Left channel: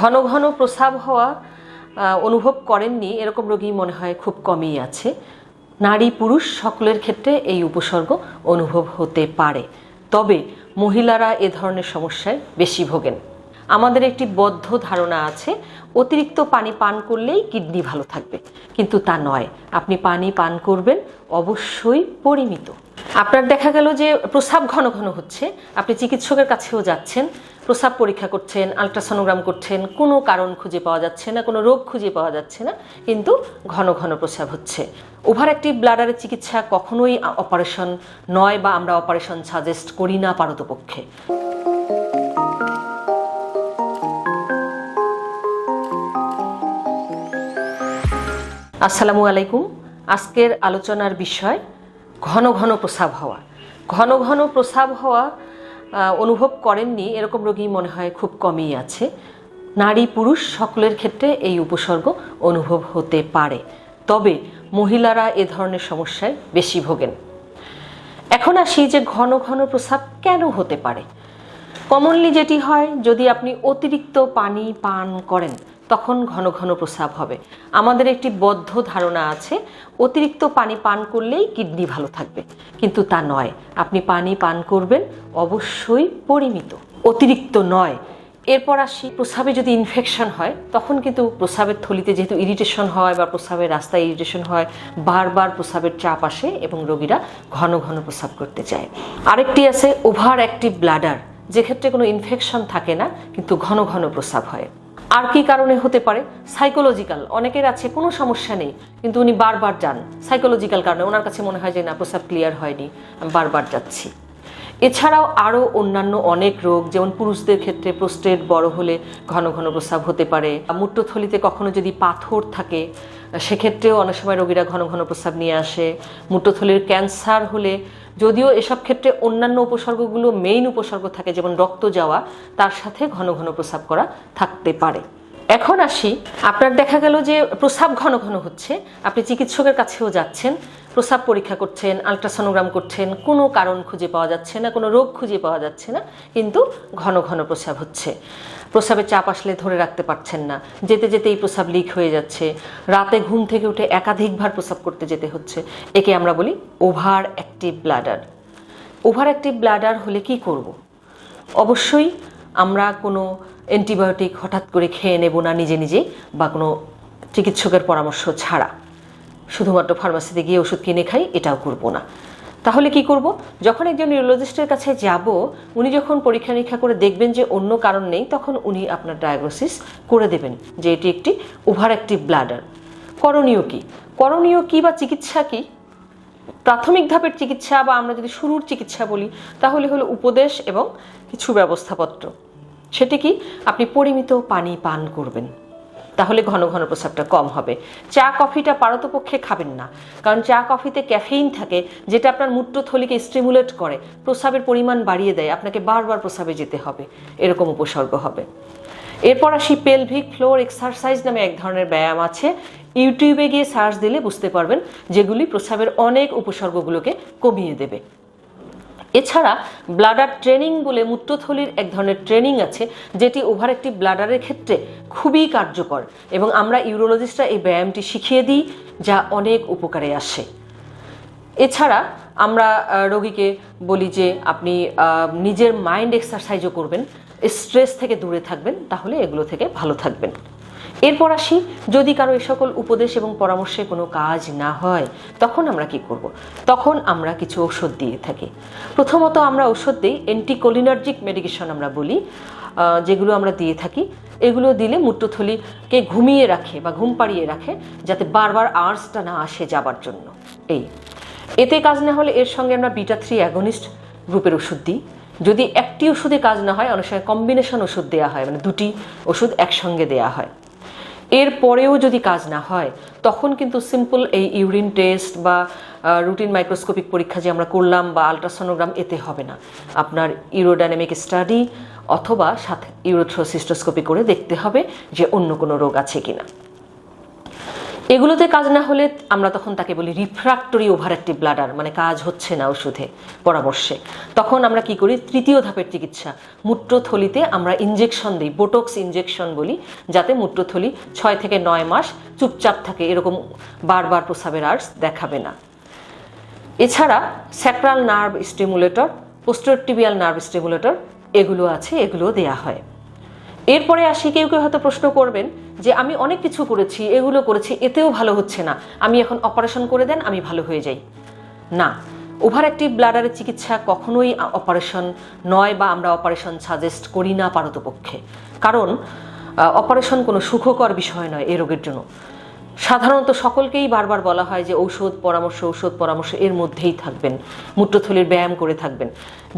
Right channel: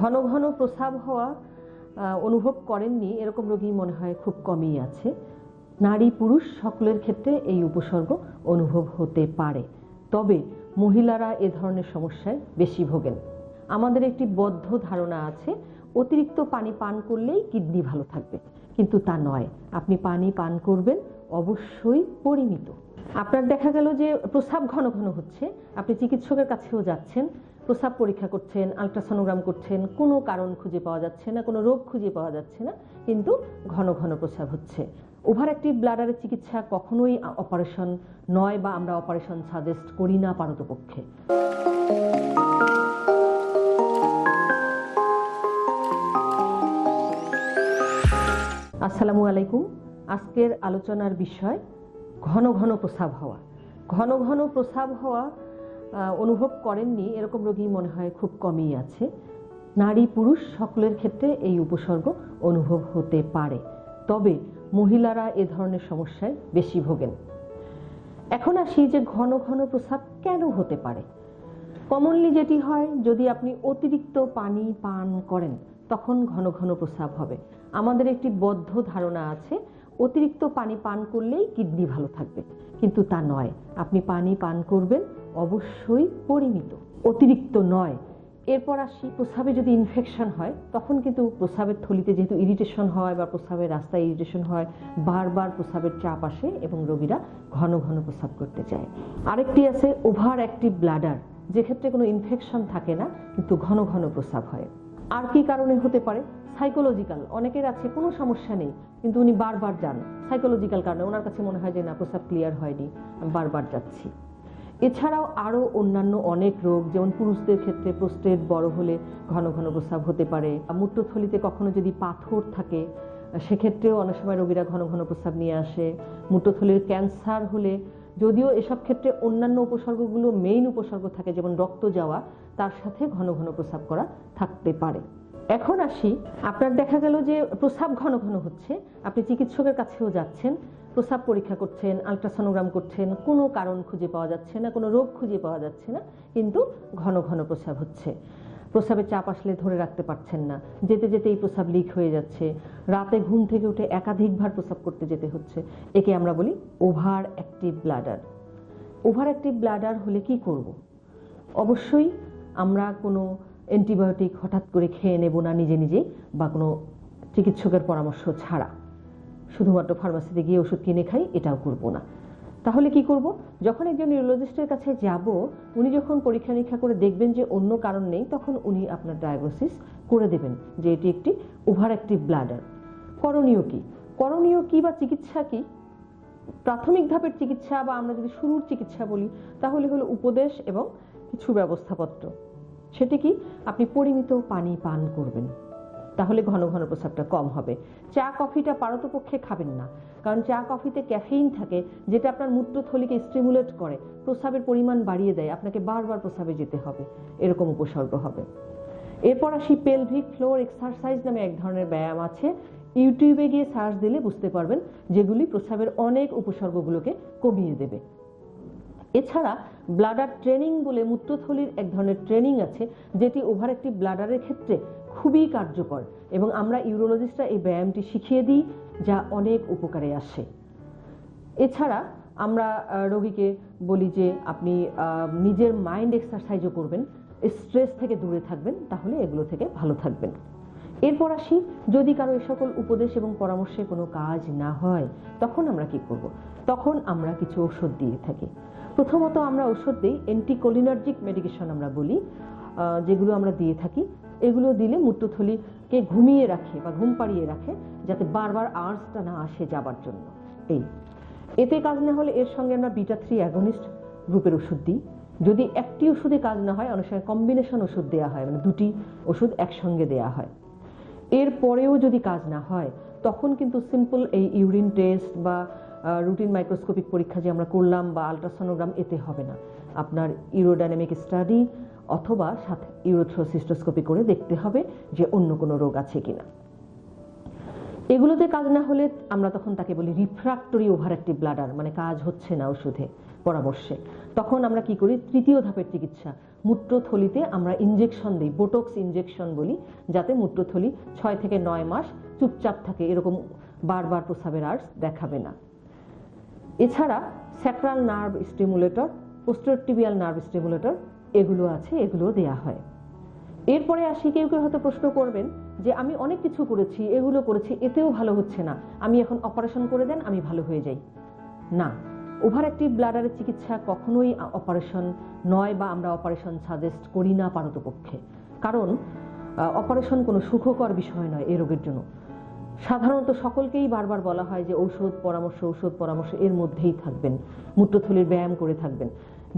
ঘন ঘন প্রস্রাব হওয়া অনুভব করেননি। এরকম রোগী মনে হয় খুব কমই আছে। নারী পুরুষ সকলের ক্ষেত্রে এই উপসর্গ অনুভব হতে পারে। তবে মহিলারা এ ধরনের সমস্যায় বেশি ভোগেন। আমাদের একটি বদ্ধ ধারণা আছে, অতিরিক্ত পানি পান করলেই কিডনি ভালো থাকবে। কিন্তু তা নয়। আপনি পানি পান করবেন, অবশ্যই পরিমিত। আপনার দেখা গেল যে প্রস্রাব ঘন ঘন হচ্ছে। আপনি চিকিৎসকের কাছেও যাচ্ছেন। প্রস্রাব পরীক্ষা করছেন, আলট্রাসোনোগ্রাম করছেন, কোনো কারণ খুঁজে পাওয়া যাচ্ছে না, কোনো রোগ খুঁজে পাওয়া যাচ্ছে না, কিন্তু ঘন ঘন প্রস্রাব হচ্ছে। ওভার অ্যাক্টিভ ব্লাডারের চিকিৎসা কখনোই অপারেশন নয় বা আমরা অপারেশন সাজেস্ট করি না পারতপক্ষে। আসসালামু আলাইকুম। আজকের আলোচনার বিষয় ঘন ঘন প্রস্রাব হওয়া। ঘন ঘন প্রস্রাব হওয়া অনুভব করেননি। এরকম রোগী মনে হয় খুব কমই আছে। নারী পুরুষ সকলের ক্ষেত্রে এই উপসর্গ অনুভব হতে পারে। তবে মহিলারা এ ধরনের সমস্যায় বেশি ভোগেন। এখন আসি যে ঘন ঘন প্রস্রাব কেন হতে পারে। কমনলি যেটি হয়, যদি আপনি অতিরিক্ত পানি পান করেন তখন ঘন ঘন প্রস্রাব হবে। আমাদের একটি বদ্ধ ধারণা আছে, অতিরিক্ত পানি পান করলেই কিডনি ভালো থাকবে। কিন্তু তা নয়। আপনি পানি পান করবেন, অবশ্যই পরিমিত। অতিরিক্ত নয়। এরপর আসি, প্রস্রাবে যদি ইনফেকশন হয়, তখন কিন্তু প্রস্রাবের থলিতে যেহেতু ইরিটেশন হয় বা প্রস্রাবের রাস্তায় ইরিটেশন হয়, বারবার প্রস্রাবের চাপ আসে এবং রোগীরা ঘন ঘন প্রস্রাব করতে চায়। আরেকটি আছে ওভার অ্যাক্টিভ ব্লাডার যেক্ষেত্রে কোনো ইনফেকশন থাকে না, কিন্তু ঘন ঘন প্রস্রাব হয়। আর কি কারণে হতে পারে? সাইকোলজিক্যাল অনেকের আছে, কোনো সমস্যা নেই, কিন্তু উনি বারবার যান। সাইকোলজিক্যাল কারণে। ওনার কাছে মনে হয় যে, না, প্রস্রাব ক্লিয়ার হয়নি, আমি বারবার যাচ্ছি। এছাড়াও আরও অন্যান্য অনেক রোগ, যেমন পুরুষদের ক্ষেত্রে প্রোস্টেট বড় হলে ঘন ঘন প্রস্রাব হতে পারে। মূত্রথলিতে কখনো যদি পাথর থাকে, সেক্ষেত্রেও অনেক সময় রোগীরা ঘন ঘন প্রস্রাব নিয়ে আসে। মূত্রথলির ক্যান্সার হলে যদিও এসব ক্ষেত্রে অন্যান্য উপসর্গগুলো মেইন উপসর্গ থাকে, যেমন রক্ত যাওয়া, তার সাথে ঘন ঘন প্রস্রাব করা থাকতে পারে। এখন আসি, আপনার দেখা গেল যে প্রস্রাব ঘন ঘন হচ্ছে, আপনি চিকিৎসকের কাছেও যাচ্ছেন প্রস্রাব পরীক্ষা করছেন, আলট্রাসোনোগ্রাম করছেন, কোনো কারণ খুঁজে পাওয়া যাচ্ছে না, কোনো রোগ খুঁজে পাওয়া যাচ্ছে না, কিন্তু ঘন ঘন প্রস্রাব হচ্ছে। প্রস্রাবের চাপ আসলে ধরে রাখতে পারছেন না। যেতে যেতেই প্রস্রাব লিক হয়ে যাচ্ছে। রাতে ঘুম থেকে উঠে একাধিকবার প্রস্রাব করতে যেতে হচ্ছে। একে আমরা বলি over active bladder. Over active bladder হলে কি করব। অবশ্যই আমরা কোনো অ্যান্টিবায়োটিক হঠাৎ করে খেয়ে নেব না নিজে নিজেই বা কোনো চিকিৎসকের পরামর্শ ছাড়া। শুধুমাত্র ফার্মাসিতে গিয়ে ওষুধ কিনে খাই, এটাও করব না। তাহলে কি করব? যখন একজন নিউরোলজিস্টের কাছে যাব, উনি যখন পরীক্ষা নিরীক্ষা করে দেখবেন যে অন্য কারণ নেই, তখন উনি আপনার ডায়াগনোসিস করে দেবেন যে এটি একটি ওভার অ্যাক্টিভ ব্লাডার করণীয় কি? করণীয় কি বা চিকিৎসা কি? প্রাথমিক ধাপের চিকিৎসা বা আমরা যদি শুরুর চিকিৎসা বলি, তাহলে হলো উপদেশ এবং কিছু ব্যবস্থাপত্র। সেটি কি? আপনি পরিমিত পানি পান করবেন। তাহলে ঘন ঘন প্রস্রাবটা কম হবে। চা, কফিটা পারতপক্ষে খাবেন না। কারণ চা, কফিতে ক্যাফেইন থাকে, যেটা আপনার মূত্রথলিকে স্টিমুলেট করে। প্রস্রাবের পরিমাণ বাড়িয়ে দেয়, আপনাকে বারবার প্রস্রাবে যেতে হবে। এরকম উপসর্গ হবে। এরপর আসি পেলভিক ফ্লোর এক্সারসাইজ নামে এক ধরনের ব্যায়াম আছে। ইউটিউবে গিয়ে সার্চ দিলে বুঝতে পারবেন, যেগুলি প্রস্রাবের অনেক উপসর্গগুলোকে কমিয়ে দেবে। এছাড়া ব্লাডার ট্রেনিং বলে মূত্রথলির এক ধরনের ট্রেনিং আছে, যেটি ওভার একটি ব্লাডারের ক্ষেত্রে খুবই কার্যকর এবং আমরা ইউরোলজিস্টরা এই ব্যায়ামটি শিখিয়ে দিই, যা অনেক উপকারে আসে। এছাড়া আমরা রোগীকে বলি যে আপনি নিজের মাইন্ড এক্সারসাইজও করবেন স্ট্রেস থেকে দূরে থাকবেন, তাহলে এগুলো থেকে ভালো থাকবেন। এরপর আসি, যদি কারও এই সকল উপদেশ এবং পরামর্শে কোনো কাজ না হয়, তখন আমরা কি করব। তখন আমরা কিছু ওষুধ দিয়ে থাকি। প্রথমত আমরা ওষুধ দিই অ্যান্টিকোলিনার্জিক মেডিকেশন আমরা বলি যেগুলো আমরা দিয়ে থাকি। এগুলো দিলে মূত্রথলিকে ঘুমিয়ে রাখে বা ঘুম পাড়িয়ে রাখে, যাতে বারবার আর্সটা না আসে যাবার জন্য। এই। এতে কাজ না হলে এর সঙ্গে আমরা বিটা থ্রি অ্যাগনিস্ট গ্রুপের ওষুধ দিই। যদি একটি ওষুধে কাজ না হয়, অনেক সময় কম্বিনেশন ওষুধ দেওয়া হয় মানে দুটি ওষুধ একসঙ্গে দেওয়া হয়। এর পরেও যদি কাজ না হয়, তখন কিন্তু সিম্পল এই ইউরিন টেস্ট বা রুটিন মাইক্রোস্কোপিক পরীক্ষা যে আমরা করলাম বা আলট্রাসোনোগ্রাম এতে হবে না। আপনার ইউরোডাইনামিক স্টাডি অথবা সাথে ইউরোথ্রোসিস্টোস্কোপি করে দেখতে হবে যে অন্য কোনো রোগ আছে কিনা। এগুলোতে কাজ না হলে আমরা তখন তাকে বলি রিফ্রাক্টরি ওভার অ্যাক্টিভ ব্লাডার মানে কাজ হচ্ছে না ওষুধে, পরামর্শে। তখন আমরা কি করি? তৃতীয় ধাপের চিকিৎসা। মূত্রথলিতে আমরা ইনজেকশন দিই বোটক্স ইনজেকশন বলি, যাতে মূত্রথলি ছয় থেকে নয় মাস চুপচাপ থাকে, এরকম বারবার প্রস্রাবের আর্স দেখাবে না। এছাড়া sacral nerve stimulator posterior tibial nerve stimulator এগুলো আছে, এগুলো দেয়া হয়। এরপরে আসি কেউ কেউ হয়তো প্রশ্ন করবেন যে আমি অনেক কিছু করেছি, এগুলো করেছি, এতেও ভালো হচ্ছে না। আমি এখন অপারেশন করে দেন, আমি ভালো হয়ে যাই। না ওভার অ্যাক্টিভ ব্লাডারের চিকিৎসা কখনোই অপারেশন নয় বা আমরা অপারেশন সাজেস্ট করি না পারতপক্ষে। কারণ অপারেশন কোনো সুখকর বিষয় নয় এ রোগের জন্য। সাধারণত সকলকেই বারবার বলা হয় যে ঔষধ, পরামর্শ ঔষধ, পরামর্শ এর মধ্যেই থাকবেন। মূত্রথলির ব্যায়াম করে থাকবেন।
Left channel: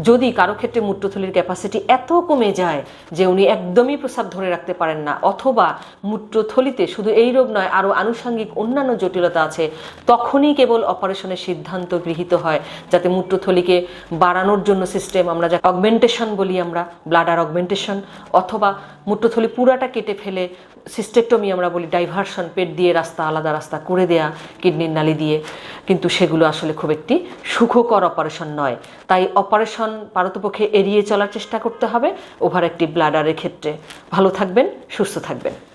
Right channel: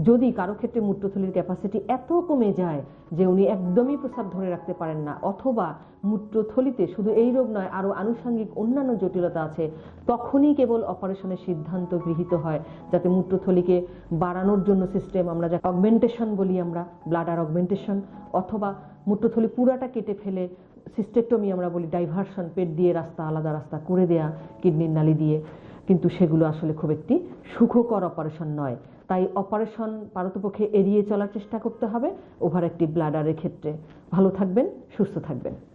যদি কারও ক্ষেত্রে মূত্রথলির ক্যাপাসিটি এত কমে যায় যে উনি একদমই প্রস্রাব ধরে রাখতে পারেন না, অথবা মূত্রথলিতে শুধু এই রোগ নয় আরও আনুষঙ্গিক অন্যান্য জটিলতা আছে, তখনই কেবল অপারেশনের সিদ্ধান্ত গৃহীত হয়, যাতে মূত্রথলিকে বাড়ানোর জন্য সিস্টেম আমরা যা অগমেন্টেশন বলি আমরা ব্লাডার অগমেন্টেশন অথবা মূত্রথলি পুরাটা কেটে ফেলে সিস্টেক্টমি আমরা বলি ডাইভারশন পেট দিয়ে রাস্তা, আলাদা রাস্তা করে দেয়া কিডনির নালি দিয়ে। কিন্তু সেগুলো আসলে খুব একটি সুখকর অপারেশন নয়। তাই অপারেশন পারতপক্ষে এড়িয়ে চলার চেষ্টা করতে হবে, ওভার একটি ব্লাডারের ক্ষেত্রে। ভালো থাকবেন, সুস্থ থাকবেন।